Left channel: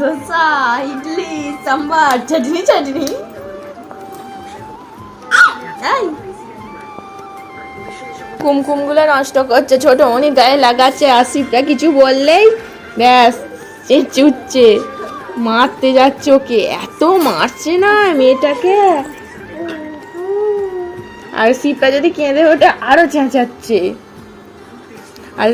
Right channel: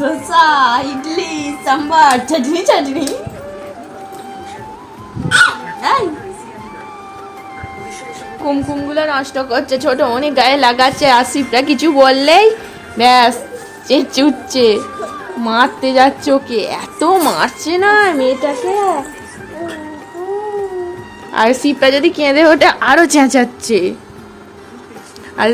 ধোসা ইডলি সাম্বার চাটনি চাটনি কুমকুমগুলো নষ্ট করছে ছোট মনি গায়ে লাগাচ্ছে আসিফরা কিছু বললেই ব্যাস চেঁচে উঠছে মারতে যাচ্ছে ওকে এত মারছে না মেয়েটাকে। আর সিপটা যদি কেঁদে ওঠে আরও চেঁচাচ্ছে। আর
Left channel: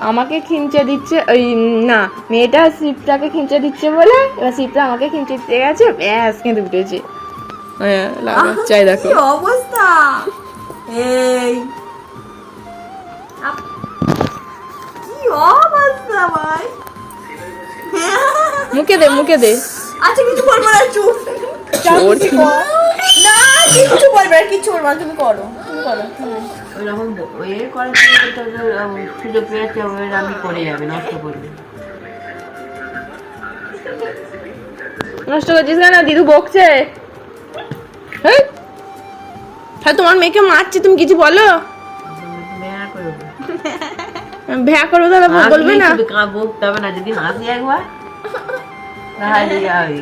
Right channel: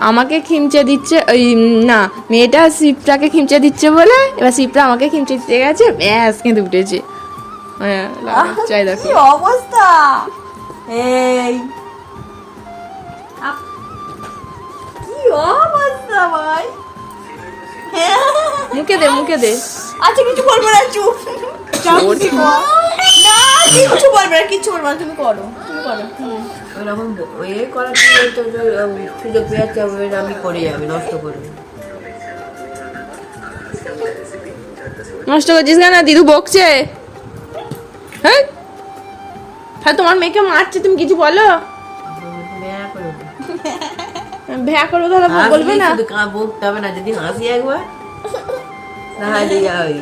আমাকে খিমচে দিচ্ছে ওই না মেয়েটা সিপটাকে খিমচে দিচ্ছে বলে এবার সিপটা আমাকে খিমচে দিতে গেছে ব্যাস কিন্তু উঠেছে। হ্যাঁ চাই দেখো। অবস্থা? এই। আপ- কি অবস্থা ভাই? মুখে দে মুখে দে। আচ্ছা কিছু বলব না চুপ। না কিছু বলব না কিছু বলব না তুমি করো তুমি করো ওইরকম এ করার সুযোগ ওই আমি করে যাবে নষ্ট করবে নষ্ট করছিস না না দিদু বকছে। হ্যাঁ তোমার মেয়েকে মারছে তুমি কিছু বলো? ভ্যা করো তাহলে বলবে না? বকতে হবে না যদি হাসি একবার তাহলে যাবে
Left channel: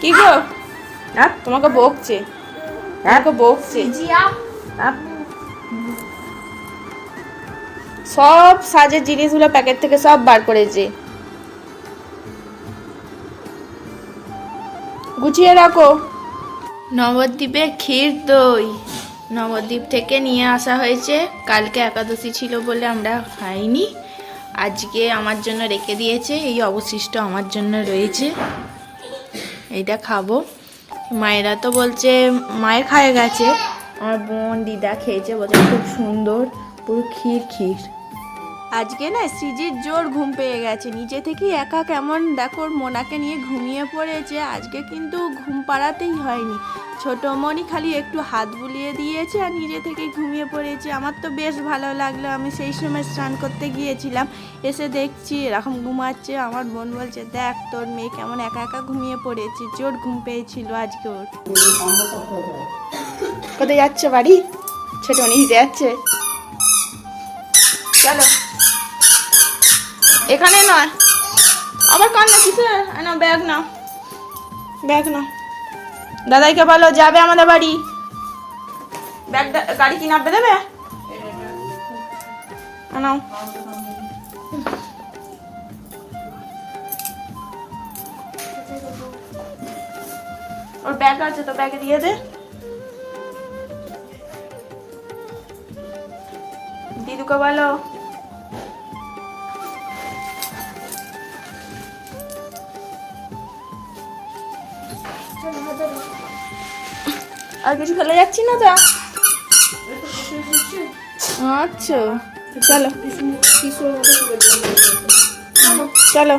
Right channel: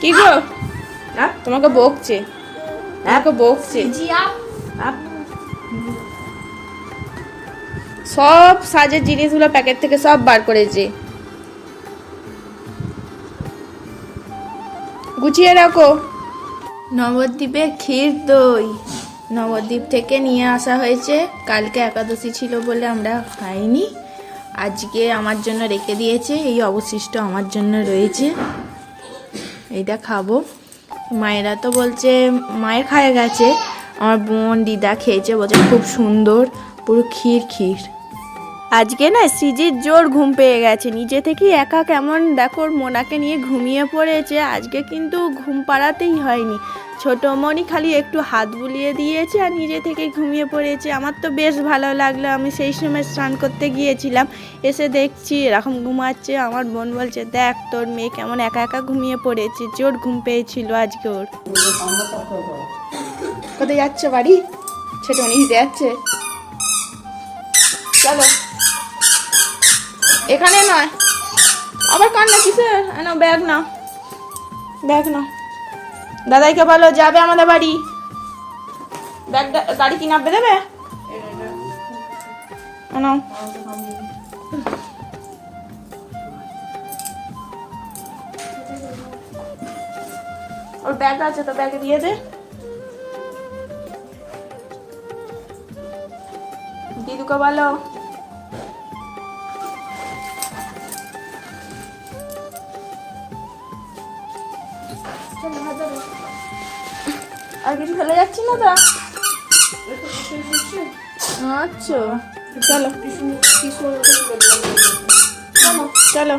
কি গো? হ্যাঁ? তোমাকে বকছে। তোমাকে বকছে সব সাজের জিনিসগুলো প্যাকেট থেকে সব বার করেছে। গুছিয়ে রাখো। নবদ্বীপে ক্ষীর দই। নবদ্বীপ থেকে নিয়ে আসা হয়েছে। কালকে একাদশী ছিল বলে আমরা খাইনি। আজকে আমার জন্য রেখে দিয়েছে। এই অবশিষ্ট আমার জন্য রয়েছে। এইটা খাব। মায়েরা তো বলছে, মায়ের খায় গেছে। আমার বোন, দিদা খেয়েছে, বলছে, খুব সুন্দর, পুরো ক্ষীর ক্ষীর। আজকে না সিজির জোর ঘুম পেয়ে গেছে। নিজে থেকেই একা কেমন দেখো মোনাকে নিয়ে ঘুমিয়ে পড়েছে। আজকে কিন্তু ঘুম পাড়াতেই হয়নি। ছোট মনি খালি একটু হাত বুলিয়ে দিয়েছে আর নিজে থেকে ঘুমিয়ে পড়েছে। আমার তো বেশ ভালো লাগল। আমি সেই সময় স্নান করতে গিয়েছিলাম। এসে দেখছি, এরকম ঘুমাচ্ছে। আমার বোন বলছে, দেখ, তোর মেয়ে কেমন একা একা ঘুমিয়ে পড়েছে। জোর ঘুম পেয়েছিল আজকে ওর। কোথায় যাচ্ছে বাড়ি? ছোট মনি যাচ্ছে। চলো। এখানে নয়। আবার কান্না কিসে না ব্যাগ না ব্যাগ না দাদাইকে বলো, যাবে আমাদের বাড়ি? ব্যাগ গাড়ি কি নামবে দেবে? নাও। ওর ব্যাগ আছে তো ব্যাগে দিয়ে দে। দিদুকে বলো। আর কিছু ফেলে যাচ্ছি না তো? আচ্ছা। চলো। চলো।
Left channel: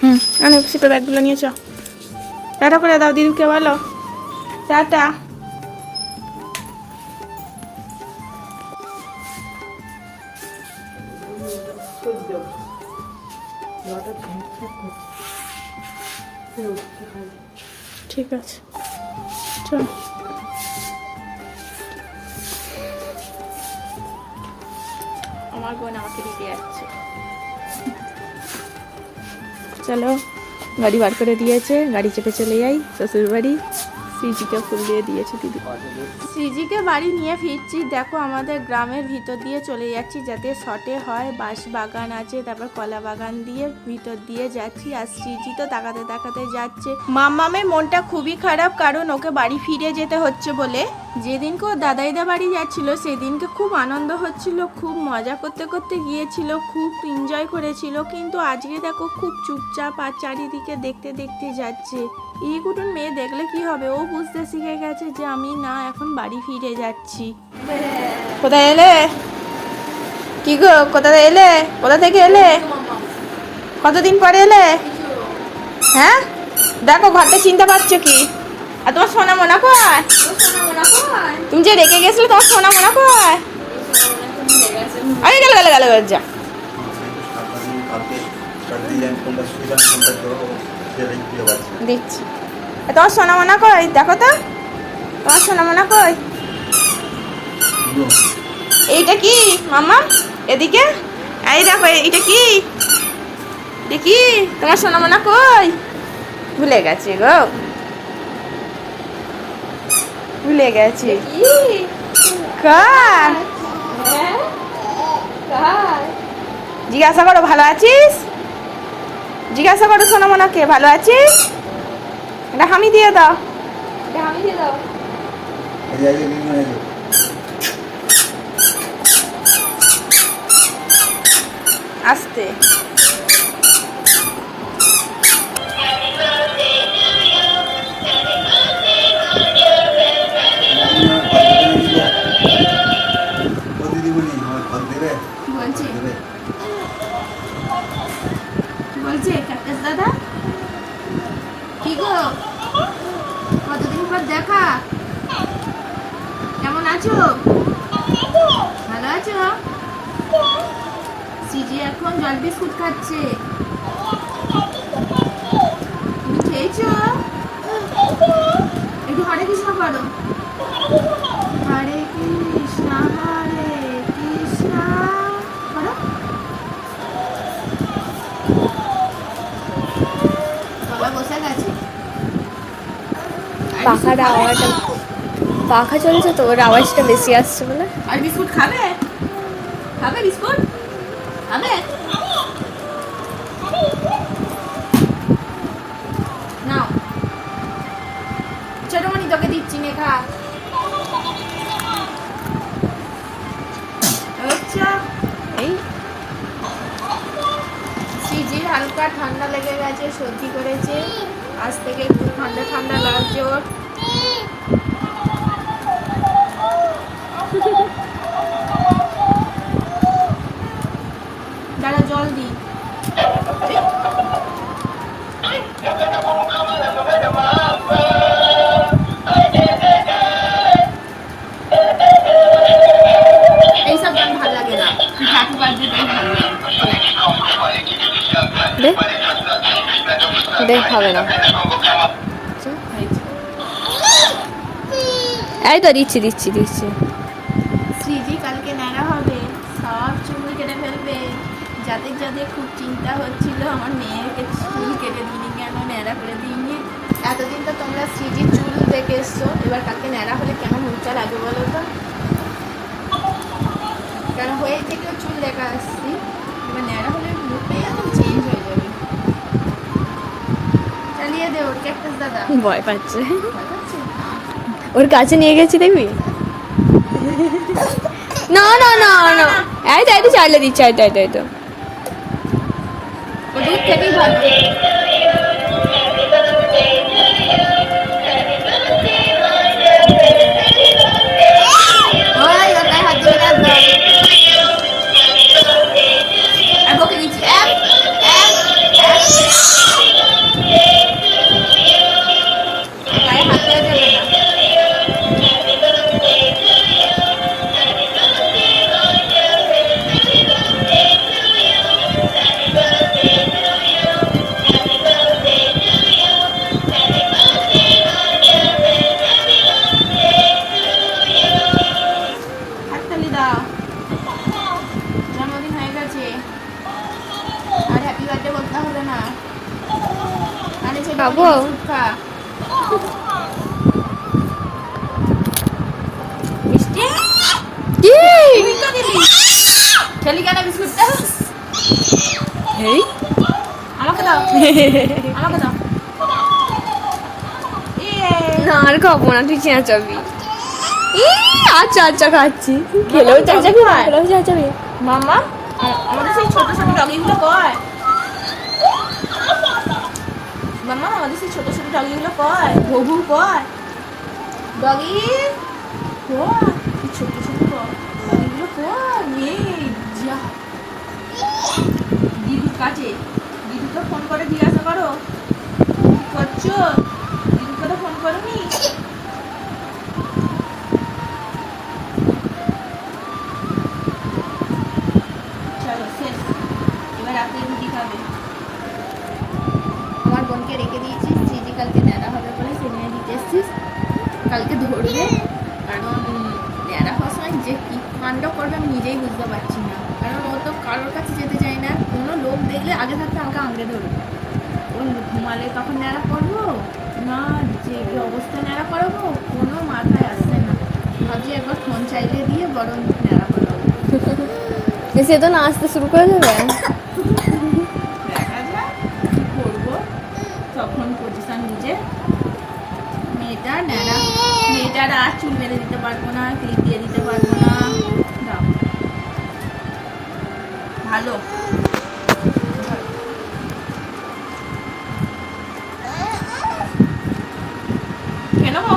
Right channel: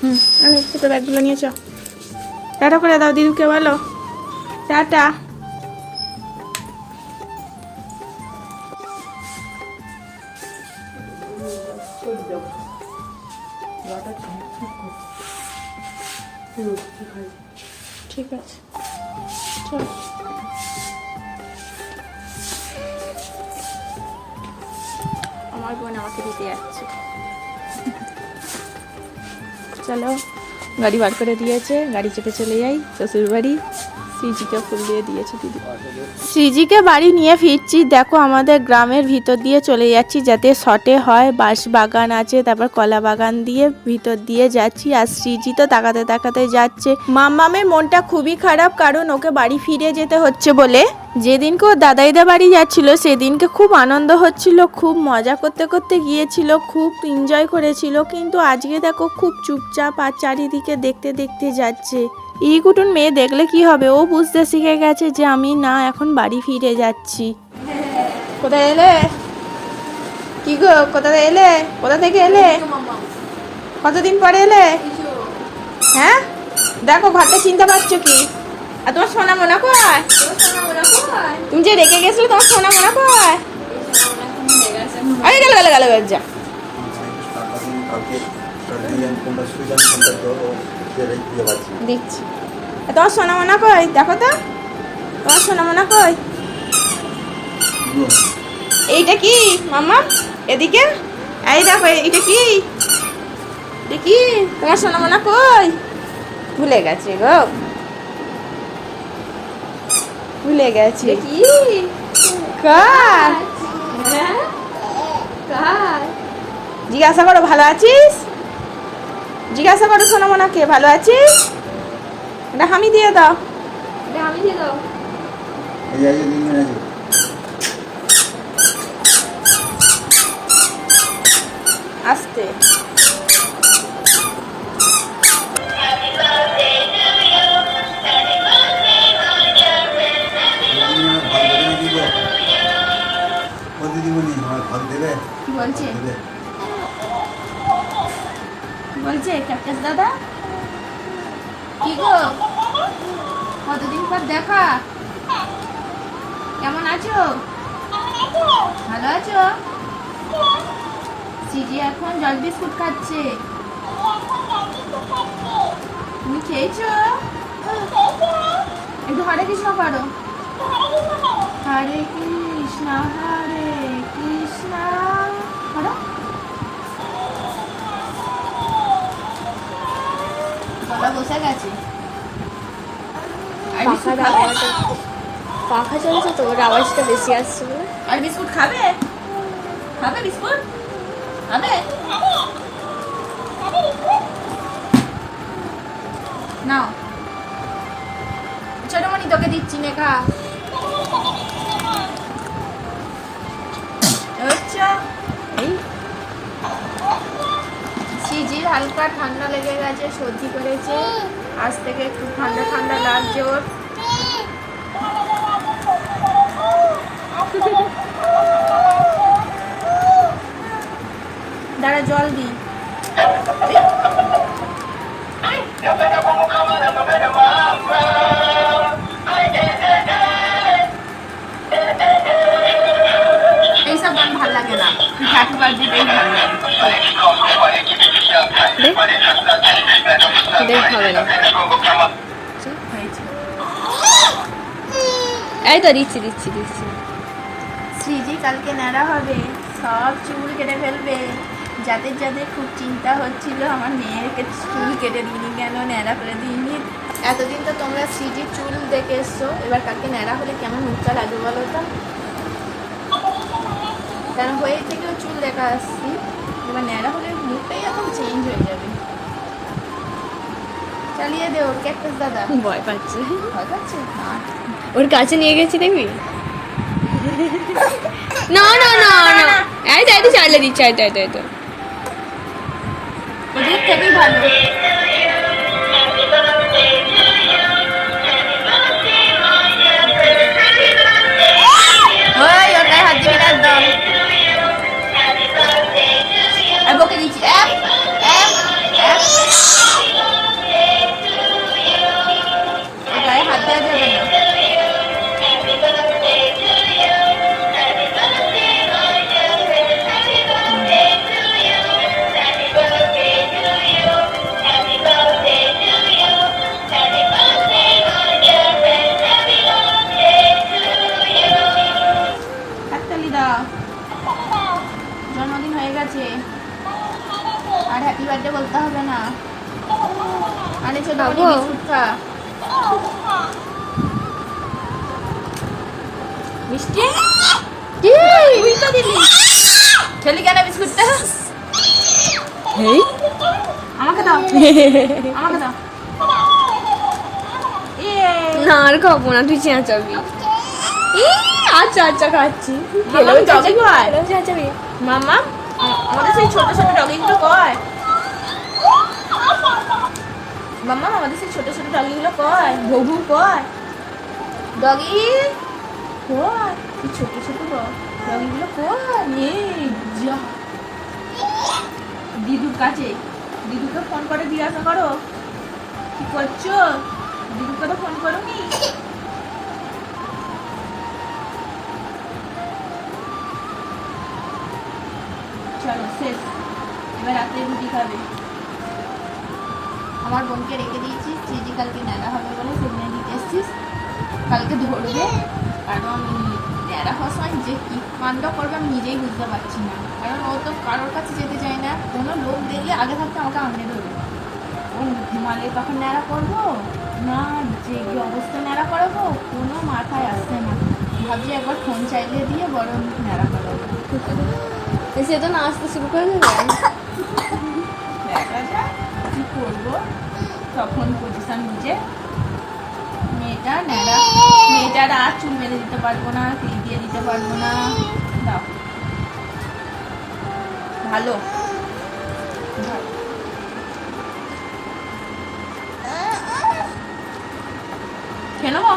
হুম আনে সেটা ব্যাগগুলো নিয়েছ টাটা করে দাও দিদিকে বলো। টাটা। আমার বোন আমাকে দিতে যাচ্ছে। চলো গাড়ি বার করে দিয়েছে গাড়ি চেপে চলে যাই। শ্বশুর বাড়ি শ্রীজিকে ফুল দিয়ে দিয়েছে দিদি। শ্রীজিকে বাড়ি নিয়ে ফিরছি দেখো আমাদের গ্রামের ভিতর দিয়ে চলে যাচ্ছি যাতে শটে হয় বাঁশ বাগান আছে তারপর কলা বাগান দিয়ে ভিতর দিয়ে যাচ্ছি আর শ্রীজি তো তাকাতে তাকাতে যাচ্ছে। মাম্মামের মনটা খুবই খারাপ কারণ ওকে বাড়ি ফিরে যেতে হচ্ছে বলে। যেদিনকে ও দাদাইদা বাড়ি যাচ্ছিল, সেদিনকে খুব আনন্দ হচ্ছিল, খুব মজা করতে করতে গিয়েছিল, খুব এনজয় করেছিল। কিন্তু আজকে দেখো খুব চুপচাপ আর চারিদিকে দেখতে দেখতে যাচ্ছে। ইকুটুন মেয়ে দেখলে কি হবে? ও বুঝতে শিখে গেছে যে আমি না এখন বাড়ি ফিরে যাচ্ছি। কোথায় এলে? কি গো, কোথায় এলে? কোথা থেকে এলে? কতদিন পরে এলে? হ্যাঁ? দেখো, ঘরটা চিনতে পারছ কি? আর তোমার সোনা মোনা কয় তুমি যে রেখে গেছিলে, তোমার সোনা মোনা কয় আরে, গেল গেল গেল যা। দিচ্ছি। তোমার সোনা মোনা কই দেখো তো। তোমার সোনা মোনা কই এইটা কি মামা এদিকে? এই দেখো এটা কি? কি? তোমার সোনামোনা কই ভুলে গেছে গো। ভুলে গেছি। কার? জিজ্ঞাসা করো ভালো আছিস? জিজ্ঞাসা করো সোনামোনাকে ভালো আছিস? এটা হামি দিয়ে দাও। আস্তে। বলছে। বলছে কাকাস দাদা? কি গো? কতদিন পর দেখা? কেমন আছো? ভালো আছো? সিজি এখন জল বিস্কুট খাচ্ছে। তুমি খেয়েছো? একটু হরে কৃষ্ণ করো। হরে কৃষ্ণ, হরে পাখার আওয়াজটা পাখা চলছে তো ওর আওয়াজটা বেশি আসছে বলে। আর বিস্কুট খাবে? খাবে বিস্কুট? খাবে? নাও। ছোটমণি তোকে দিচ্ছি নে হালকা ঠান্ডা লেগে গেছে, সর্দি করেছে। আজ থেকে একটু ঠান্ডা ঠান্ডা লাগছে ওর। দাঁড়া, জল দিই। এইসব গান ভালো লাগে না। হ্যাপি লাগে। হবে না। এই তো দিচ্ছি দিচ্ছি দিচ্ছি। কালকে হবে, সব চুল কেটে ফেলবে। খুব চিন্তা আমার চুল কেটে দিই কেন এতদিন তো তোমরা স্মৃতির চুল দেখে এসছো, এবার কালকে ন্যাড়া হলে কেমন উচ্চা লাগবে বলো তো? কেন, হয়ে থেকেও চুল দেখা আসছি এবার ন্যাড়া হলে মুখটাই এখন চেঞ্জ হয়ে যাবে। চালিয়ে দে ওর ক্যাকটাস দাদা। ভয় পাচ্ছে। ভয় পাচ্ছে? ওর কাছে নিয়ে গেছি দেখবি? না না না না। এই তো এই তো চালিয়ে দিচ্ছে এই তো এই তো এই তো ও দূর থেকেই ভালো দাও জন্মদিন হয়ে গেছে। আর হ্যাপি বার্থডে বলতে হবে না। আরে? বিস্কুট খা মিষ্টি তুই খেলি কেন বিস্কুটটা? আমাকে দাও। আমাকে দাও। না আর খাব না তুই চেঁচাবি। আচ্ছা আচ্ছা খাচ্ছি। খেলেও চেঁচাবি খেলেও চেঁচাবি মামা আমাদের সেই ছোট ছোট ডগিগুলো কয়? মামা আমাদের সেই ছোট ছোট ডগিগুলো কয়? ভবু কয়? ডগি? কয়? কি ছোট ছোট ডগিগুলো কয়? এই যা। দিদুর কাছে। দিদুকে ফোন করে জিজ্ঞাসা করো। কি করছ? দিদুকে তো ফোন করোনি? চলো বোনকে রেখে দিয়েছিস চিজি কালকে ন্যাড়া হবে বলে সে নিয়ে দিতে এসছিস। কালকে ধরবে কারণ ন্যাড়া হওয়ার সময় যে কি কাণ্ড করবে আমি নিজেই বুঝতে পারছি না। কারণ ও তো কারোর কাছে যেতে চায় না কোনো লোক দেখলে আগে থাকতে আমাকে আঁকড়ে ধরবে। ও ঘুমালে তখন ন্যাড়া করব? না যে কি অবস্থায় ন্যাড়া করাবো কোনো মাথায় আসছে না। ভাবছি একবার ফোন চাইলে দিয়ে বরং ন্যাড়া করাবো। সে তো নাচতে শুরু করে দেবে। তখন পজিশন নিজে মেয়েটা, ন্যাড়া, মেয়েটার আর চুল বেঁধে দিতে পারব না, তিল দিয়ে দিতে পারব না। দাও। ভালো। কেন গো